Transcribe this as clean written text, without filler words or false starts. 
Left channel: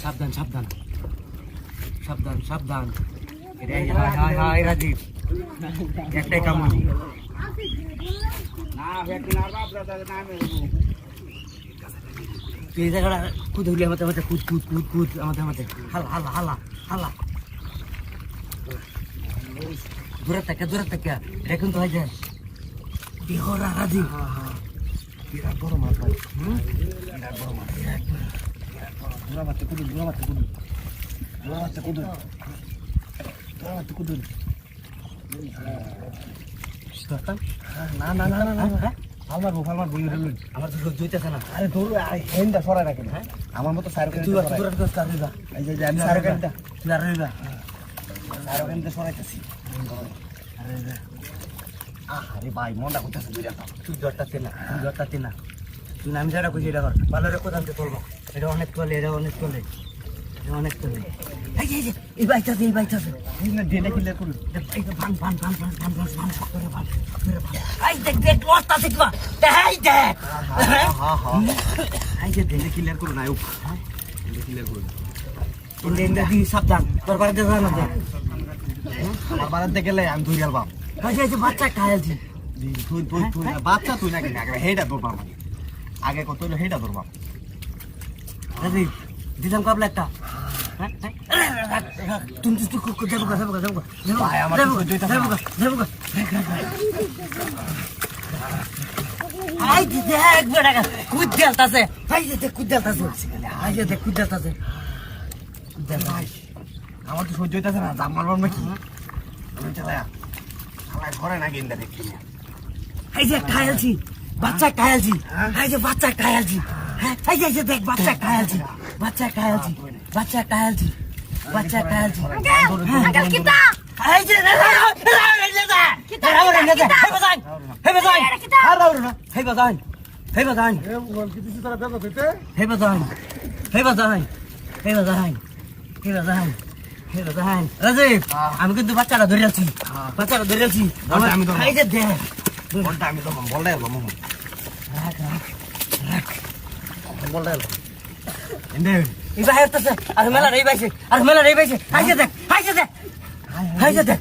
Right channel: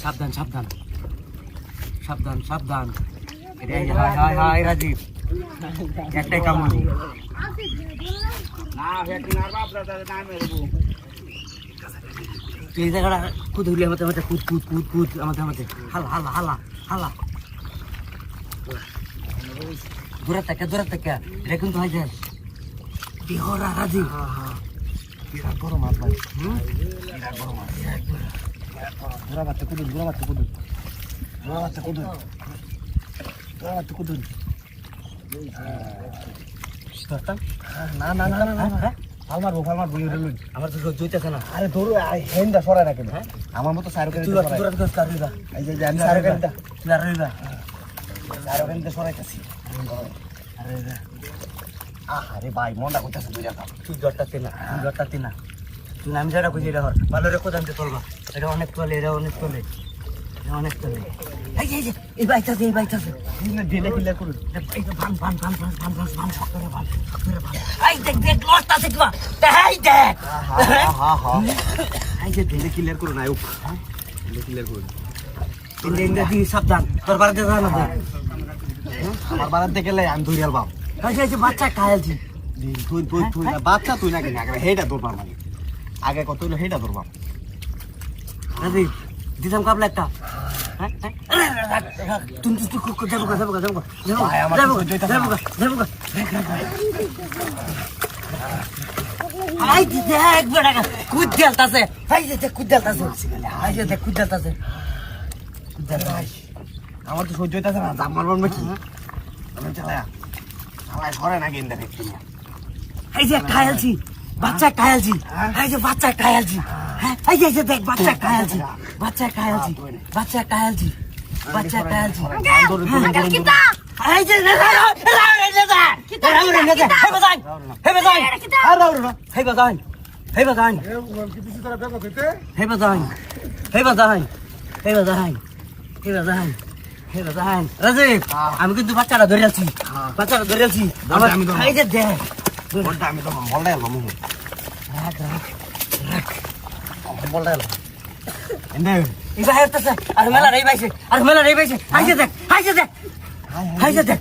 সাবধান সাবধান সাবধান সাবধান হাই হাই রাজীব একটাই কামান না ভেটে মারবা আপনাদের নামে এই জায়গাটা কুদ উড়িয়ে আমাদের আমাদের কুদ কুদ কুদ কুদ আমাদের আমাদের হালা হালা হালা হালা দূরে থেকে দেখুন তো হয় যায় কি হলো রাজীব বিরাট বড় মাছ ভাই বিরাট বড় মাছ ঘোরা বাচ্চা কুদুন ঘোরা বাচ্চা কুদুন ঘোরা বাচ্চা কুদুন ঘোরা বাচ্চা কুদুন না না না না না ফালমার বই আমার তো জুইতেছে না আরে তোর হেন্দা সরাই না কেন আমার মতো সাইড করে তুই এই যে আমি সাইড করে তুই আর রইবা আর হেন্দা সরাইতেছি আরে আরে ভাই মনটা করতেছে দুই টাকা তুই জটটাতে না তুই আমি যেটা বুঝি এটা ভালো রেখো জানতে পারবা এটা অনেক চলে অনেক চলে এই বাইকটাতে ঢেলে ফেলে করুন এই দেখ লস্ট আছে কিবা এই দেখ এই যে ঢেলে ক্লিয়ার করুন আয়ু ঢেলে ক্লিয়ার করুন ইন্দি সাবধান তোর বাড়িতে যা না আমার বাড়িতে গেলে আমি দুই আলবাম কাজে এই বাচ্চা খাইছি তুই বাচ্চা তুই নাকি হেডা তোর বাবা আগে কত হইলো হেডা তোর বাবা আরে দিদাম কাবলা একটা তুমি তো যাবো আই দেখ বেটা কুদ দেলতাছে ভাই দেখ কুদ দেলতাছে আই দেখ কুদ দেলতাছে আমার তো সহ্য হইতাছে না দাম মারব নাকি আমার ঘরে না গেম দেখছি এই যে খাইছি বাচ্চা খাইছি এই যে বাচ্চা খাইছি হ্যাঁ এই যে দেখ বাচ্চা খাইছি কিটা এই যে আমি কিন্তু বাচ্চাটা ধরে আছি এই যে দেখ আমি তখন বললাই আর মেলা রেই বাইছে আইছে দেখ